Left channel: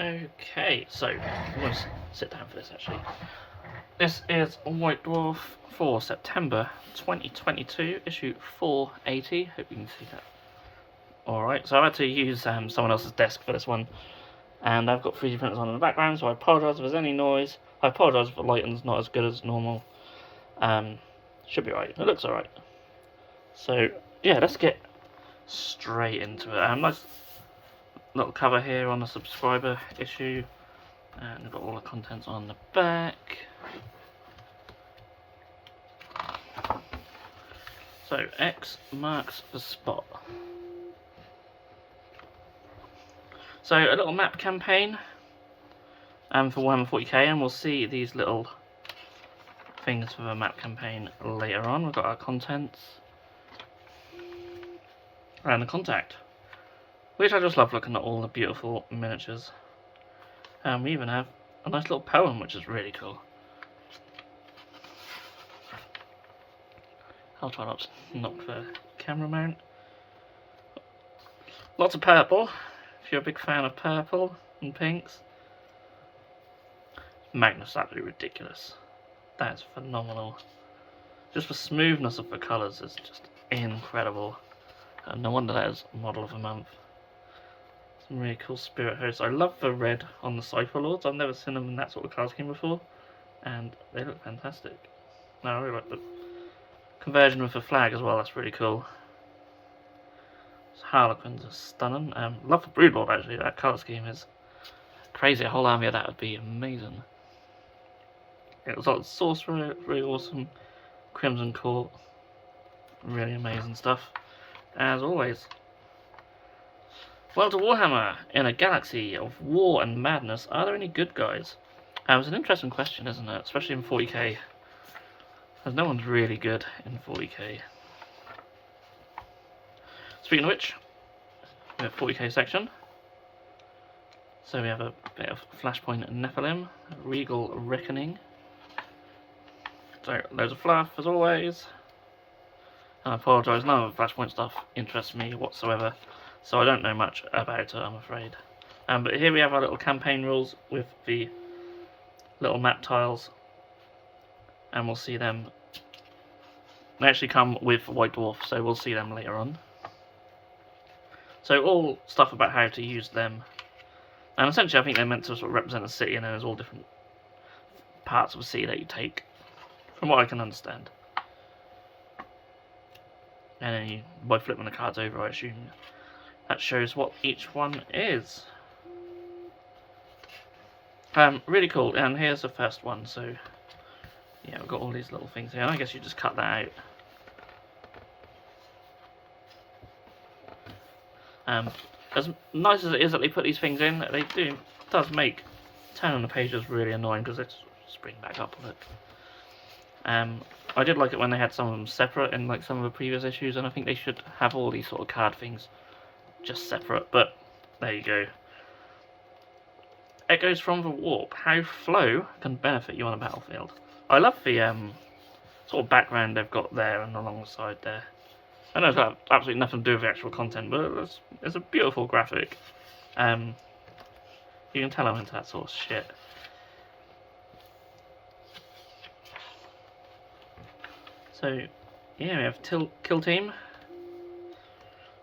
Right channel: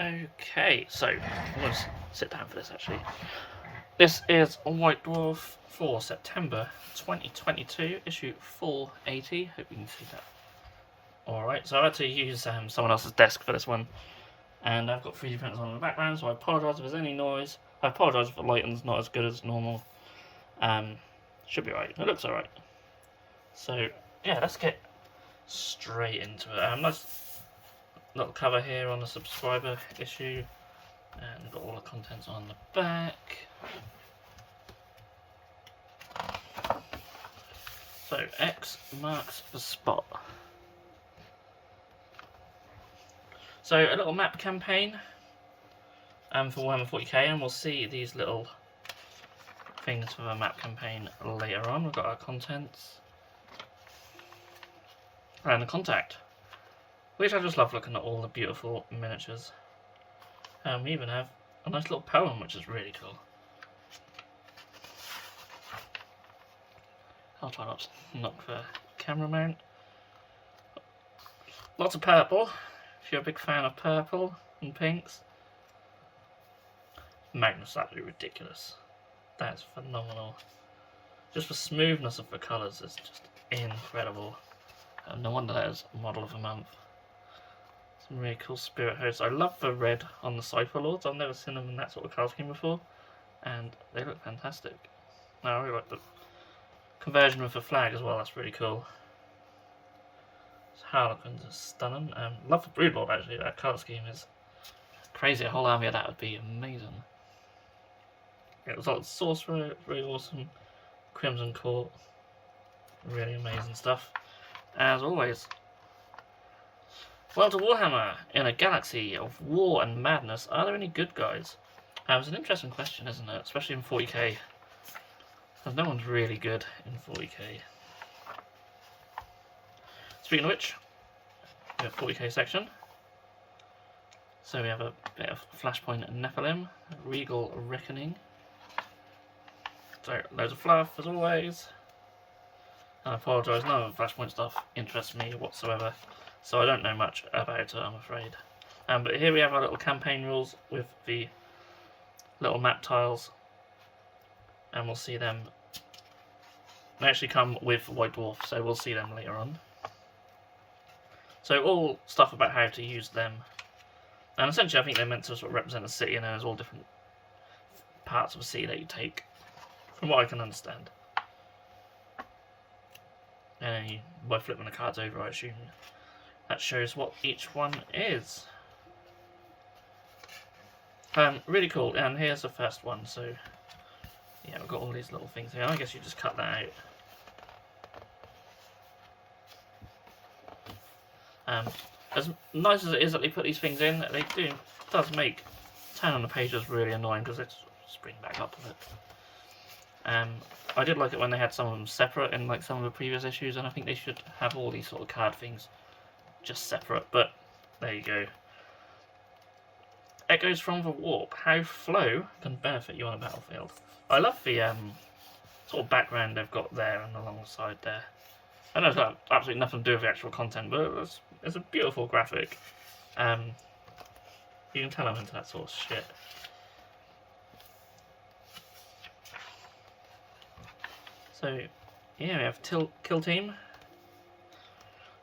Okay, so I'm going to sit down for this actually. This is White Dwarf for September 2022, issue 480. Hope you can see that. Alright, so I had to use someone else's desk for this one, and I've got 3D printers on in the background, so I apologise if there's any noise. I apologise if the lighting's not as good as normal. Should be right. It looks alright. So, yeah, let's get straight into it. Nice little cover here on the subscriber issue, and we've got all the contents on the back. So X marks the spot. So a little map campaign for Warhammer 40k, and we'll see these little things for the map campaign later on. We've got our contents and the contact, which I just love looking at all the beautiful miniatures. And we even have a nice little poem, which is really cool. I'll try not to knock the camera mount. Lots of purple, if you're a big fan of purple and pinks. Magnus, absolutely ridiculous. That is phenomenal. Just the smoothness of the colours is just incredible. And no wonder that is model of the month. Some really cool spirit hosts. I love the red on the Cypher Lords. I've never seen them in that sort of colour scheme before, and they look fantastic. Now I really like the conversion with the flag as well. That's really cool. Harlequins are stunning. Love the Broodlord actually. That colour scheme is crazy. A whole army of that would be amazing. It was like Sorcerer, really awesome. Crimson Court, really amazing stuff. As always. Well, to Warhammer, in a galaxy of war and madness, are there any good guys? It's an interesting question, isn't it? Especially in 40k. Because no one's really good in 40k. Speaking of which, we have 40k section. So we have a bit of Flashpoint Nephilim, Regal Reckoning. So, loads of fluff, as always. I apologise, none of the Flashpoint stuff interests me whatsoever, so I don't know much about it, I'm afraid. But here we have our little campaign rules with the little map tiles, and we'll see them. They actually come with White Dwarf, so we'll see them later on. So all stuff about how to use them, and essentially I think they're meant to sort of represent a city, and there's all different parts of a city that you take, from what I can understand. And then by flipping the cards over, I assume that shows what each one is. Really cool. And here's the first one. So yeah, we've got all these little things here. I guess you just cut that out. As nice as it is that they put these things in, it does make turning the pages really annoying because they spring back up on it. I did like it when they had some of them separate in like some of the previous issues, and I think they should have all these sort of card things just separate, but there you go. Echoes from the Warp. How flow can benefit you on a battlefield. I love the sort of background they've got there and alongside there. I know it's got absolutely nothing to do with the actual content, but it's a beautiful graphic. You can tell I'm into that sort of shit. So, yeah, we have kill team.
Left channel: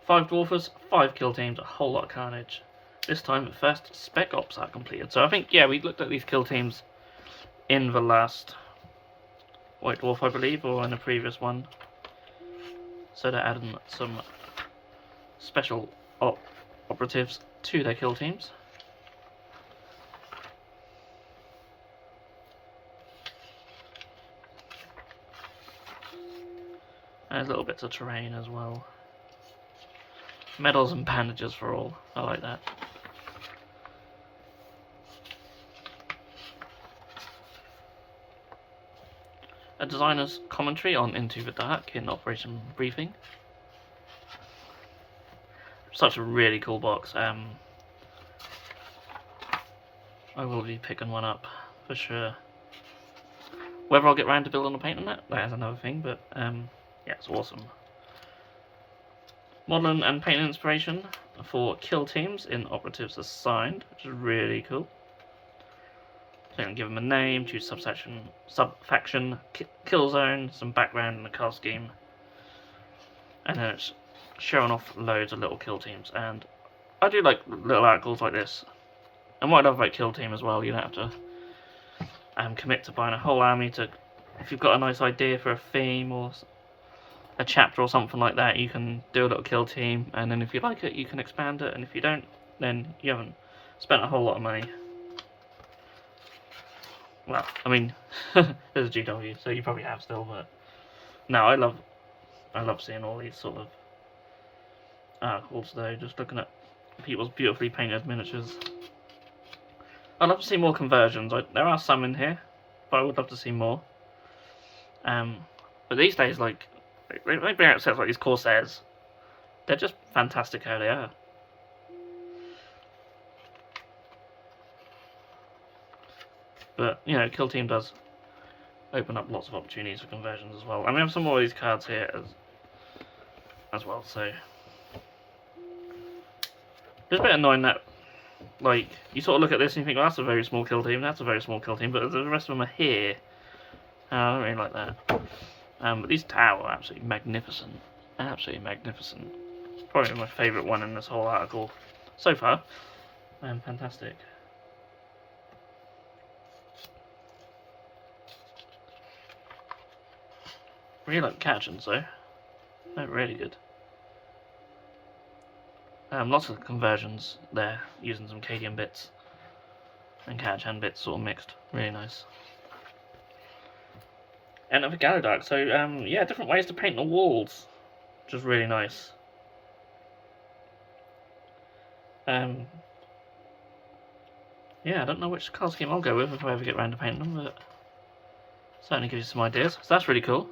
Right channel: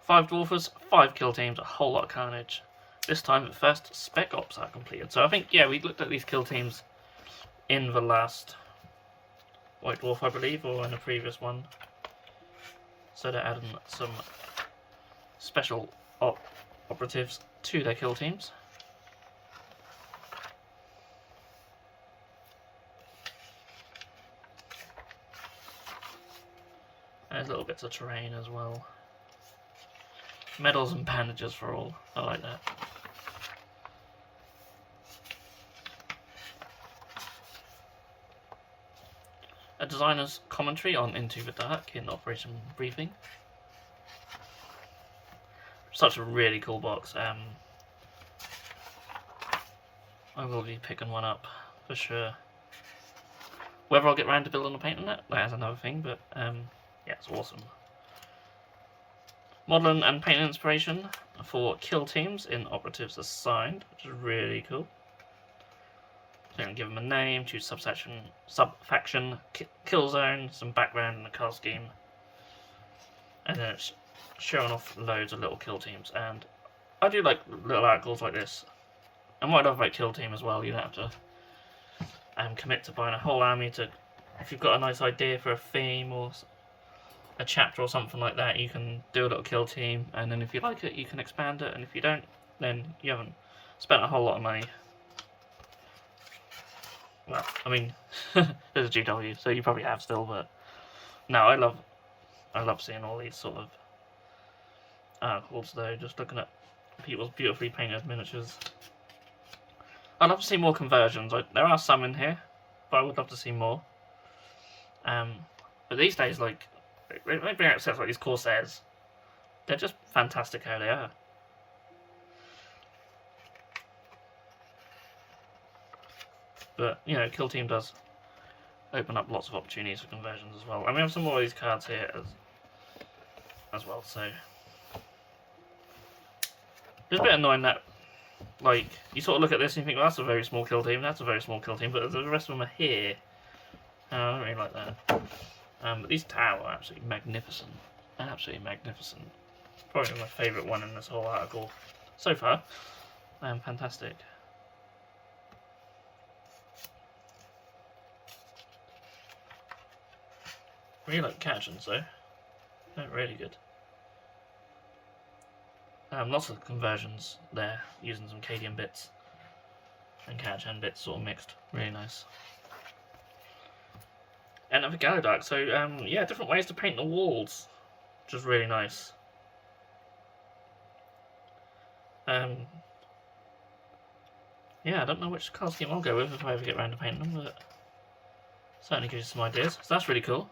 5 dwarfers, 5 kill teams, a whole lot of carnage. This time the first spec ops are completed. So I think, yeah, we looked at these kill teams in the last White Dwarf, I believe, or in a previous one. So they're adding some special operatives to their kill teams. There's little bits of terrain as well. Medals and bandages for all. I like that. A designer's commentary on Into the Dark in Operation Briefing. Such a really cool box. I will be picking one up for sure. Whether I'll get round to building a paint on it, that is another thing, but yeah, it's awesome. Modelling and painting inspiration for kill teams in operatives assigned, which is really cool. So you can give them a name, choose subfaction, kill zone, some background and a card scheme, and then it's showing off loads of little kill teams. And I do like little articles like this. And what I love about kill team as well, you don't have to commit to buying a whole army. If you've got a nice idea for a theme or a chapter or something like that, you can do a little kill team, and then if you like it, you can expand it, and if you don't, then you haven't spent a whole lot of money. Well, I mean, there's a GW, so you probably have still, but no, I love seeing all these sort of articles though, just looking at people's beautifully painted miniatures. I'd love to see more conversions. There are some in here, but I would love to see more. But these days, like, they bring out sets like these Corsairs. They're just fantastic how they are. But, you know, Kill Team does open up lots of opportunities for conversions as well. And we have some more of these cards here as well, so... It's a bit annoying that, like, you sort of look at this and you think, well, that's a very small kill team, that's a very small kill team, but the rest of them are here. I don't really like that. But these Tau are absolutely magnificent. Absolutely magnificent. Probably my favourite one in this whole article so far. Fantastic. Really like Catchins though. They're really good. Lots of conversions there, using some Cadian bits and Catchan bits sort of mixed. Really nice. And of a Galadark, so yeah, different ways to paint the walls, which is really nice. Yeah, I don't know which card scheme I'll go with if I ever get around to painting them, but certainly gives you some ideas. So that's really cool.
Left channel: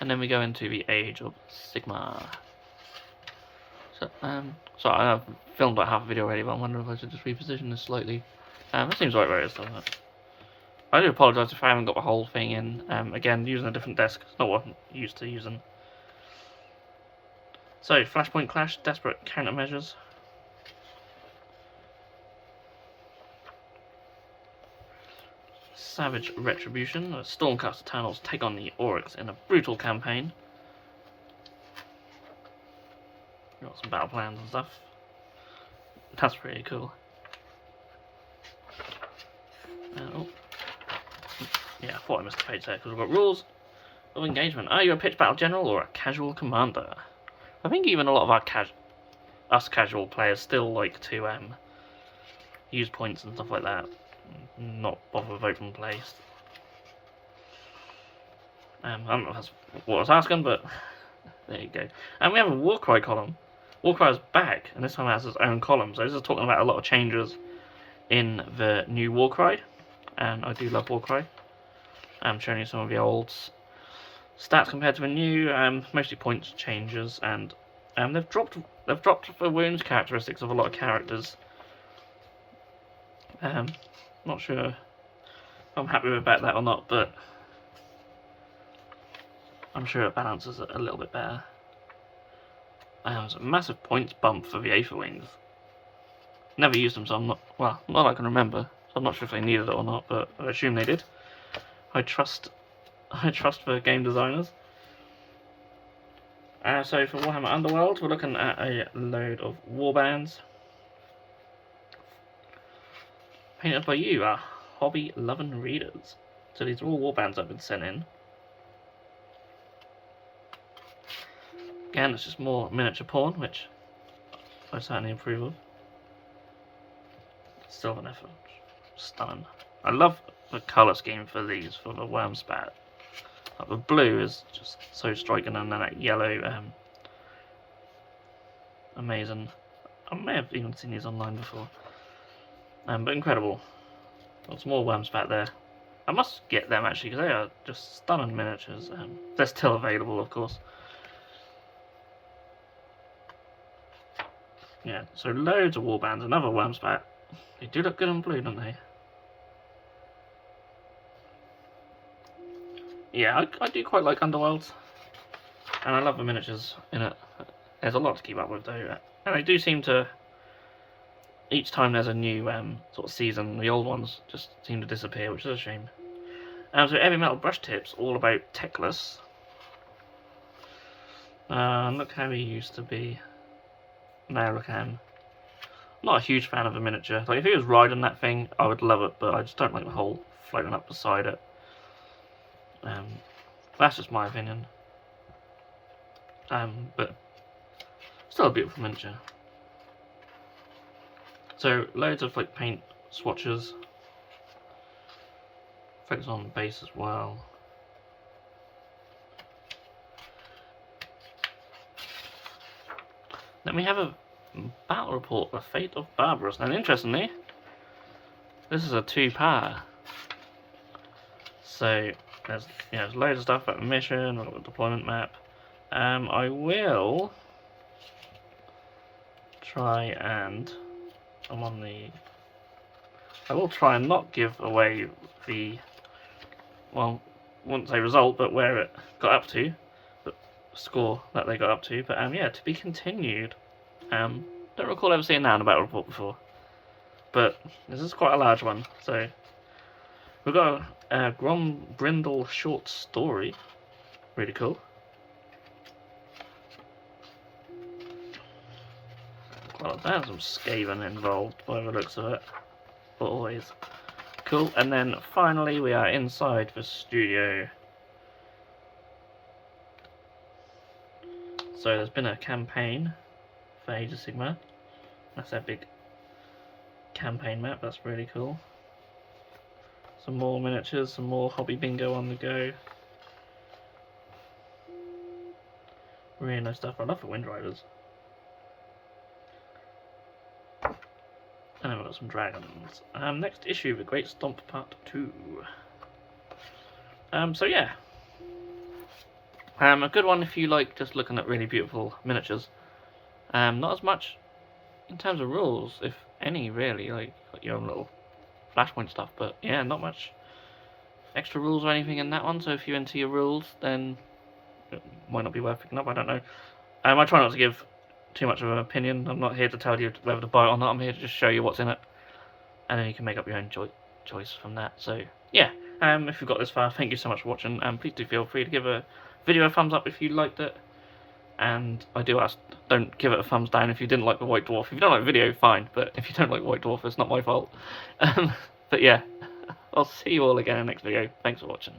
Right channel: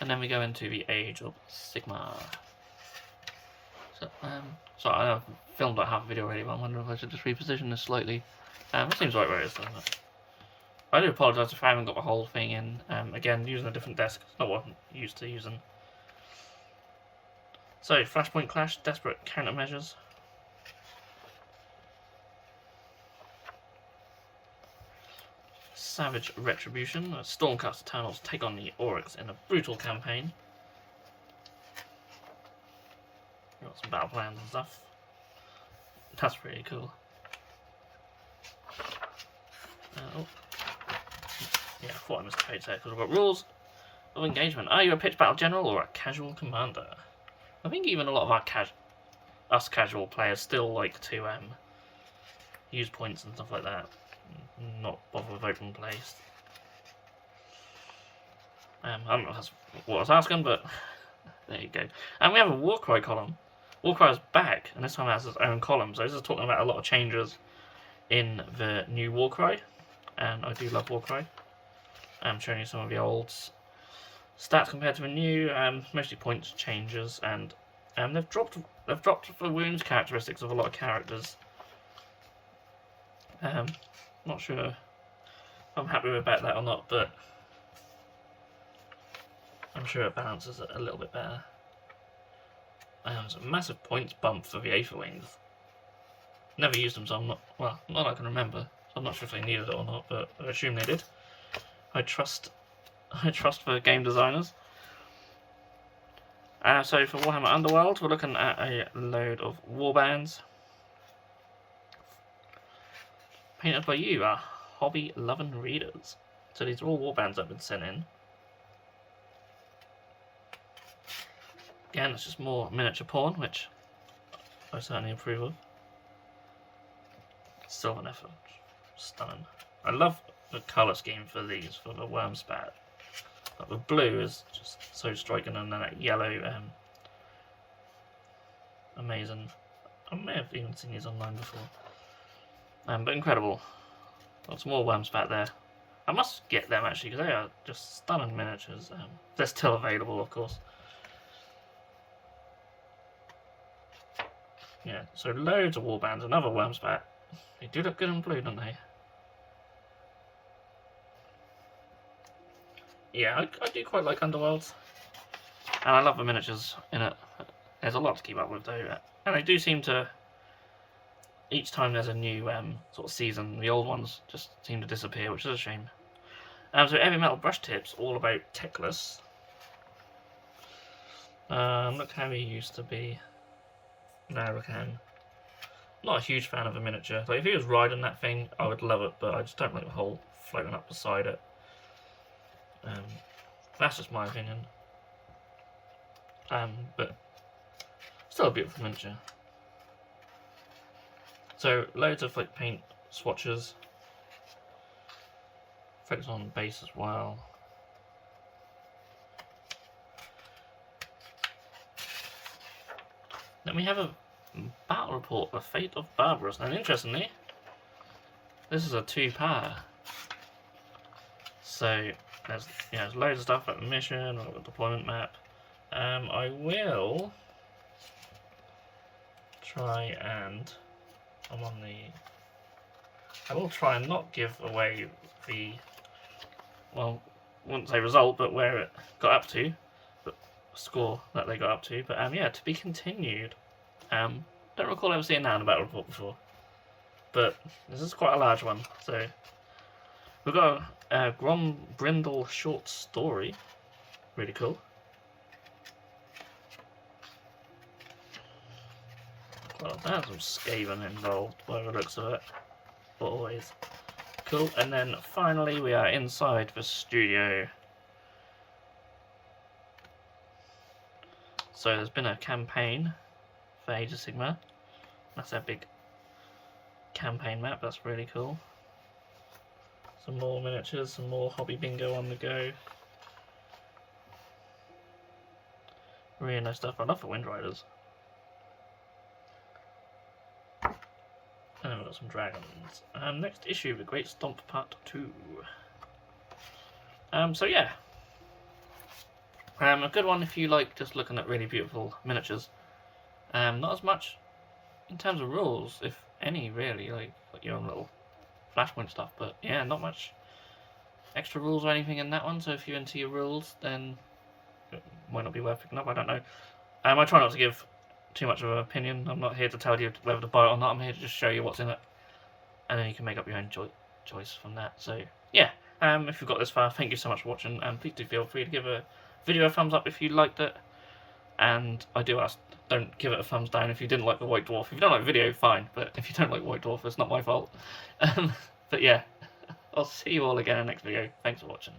And then we go into the Age of Sigmar. So, sorry, I've filmed like half a video already, but I'm wondering if I should just reposition this slightly. It seems right where it is, doesn't it? I do apologise if I haven't got the whole thing in. Again, using a different desk. It's not what I'm used to using. So, Flashpoint Clash, Desperate Countermeasures. Savage Retribution. Stormcast Eternals take on the Oryx in a brutal campaign. Got some battle plans and stuff. That's pretty cool. Oh. Yeah, I thought I missed a page there because we've got rules of engagement. Are you a pitch battle general or a casual commander? I think even a lot of our casual players still like to use points and stuff like that. Not bother with open play. I don't know if that's what I was asking, but there you go. And we have a Warcry column. Warcry is back, and this time it has its own column. So this is talking about a lot of changes in the new Warcry, and I do love Warcry. I'm showing you some of the old stats compared to the new, mostly points changes, and they've dropped the wounds characteristics of a lot of characters. Not sure if I'm happy about that or not, but I'm sure it balances it a little bit better. There's a massive points bump for the Aether Wings. Never used them, so I'm not, well, not that I can remember. I'm not sure if they needed it or not, but I assume they did. I trust the game designers. So for Warhammer Underworlds, we're looking at a load of warbands. Painted by you, our hobby-loving readers. So these are all warbands that have been sent in. Again, it's just more miniature porn, which I certainly approve of. Silver Effort, stunning. I love the colour scheme for these, for the Wormspat. Like the blue is just so striking, and then that yellow, amazing. I may have even seen these online before. But incredible. Lots more Wormspat there. I must get them actually, because they are just stunning miniatures. They're still available, of course. Yeah, so loads of warbands. Another Wormspat. They do look good in blue, don't they? Yeah, I do quite like Underworlds. And I love the miniatures in it. There's a lot to keep up with though, and they do seem to. Each time there's a new sort of season, the old ones just seem to disappear, which is a shame. So heavy metal brush tips, all about Techless. Look how he used to be. Now look at him. Not a huge fan of the miniature. Like if he was riding that thing, I would love it, but I just don't like the whole floating up beside it. That's just my opinion. But still a beautiful miniature. So loads of like paint swatches. Focus on the base as well. Then we have a battle report, The Fate of Barbarous. And interestingly, this is a 2-power. So there's loads of stuff about the mission, the deployment map. I will try and I will try and not give away the, well, I wouldn't say result, but where it got up to, the score that they got up to. But yeah, to be continued. Don't recall ever seeing that in a battle report before, but this is quite a large one. So we've got a Grom Brindle short story, really cool. Well, there's some Skaven involved by the looks of it, but always cool. And then finally we are inside the studio. So there's been a campaign for Age of Sigmar. That's their big campaign map, that's really cool. Some more miniatures, some more hobby bingo on the go. Really nice stuff. I love the Wind Riders. And then we've got some dragons. Next issue, The Great Stomp Part 2. So yeah. A good one if you like just looking at really beautiful miniatures. Not as much in terms of rules, if any, really, like your own little flashpoint stuff, but yeah, not much extra rules or anything in that one, so if you're into your rules, then it might not be worth picking up, I don't know. I try not to give too much of an opinion. I'm not here to tell you whether to buy it or not, I'm here to just show you what's in it, and then you can make up your own choice from that. So yeah, if you've got this far, thank you so much for watching, and please do feel free to give a video a thumbs up if you liked it. And I do ask, don't give it a thumbs down if you didn't like the White Dwarf. If you don't like the video, fine, but if you don't like White Dwarf, it's not my fault. But yeah, I'll see you all again in the next video. Thanks for watching.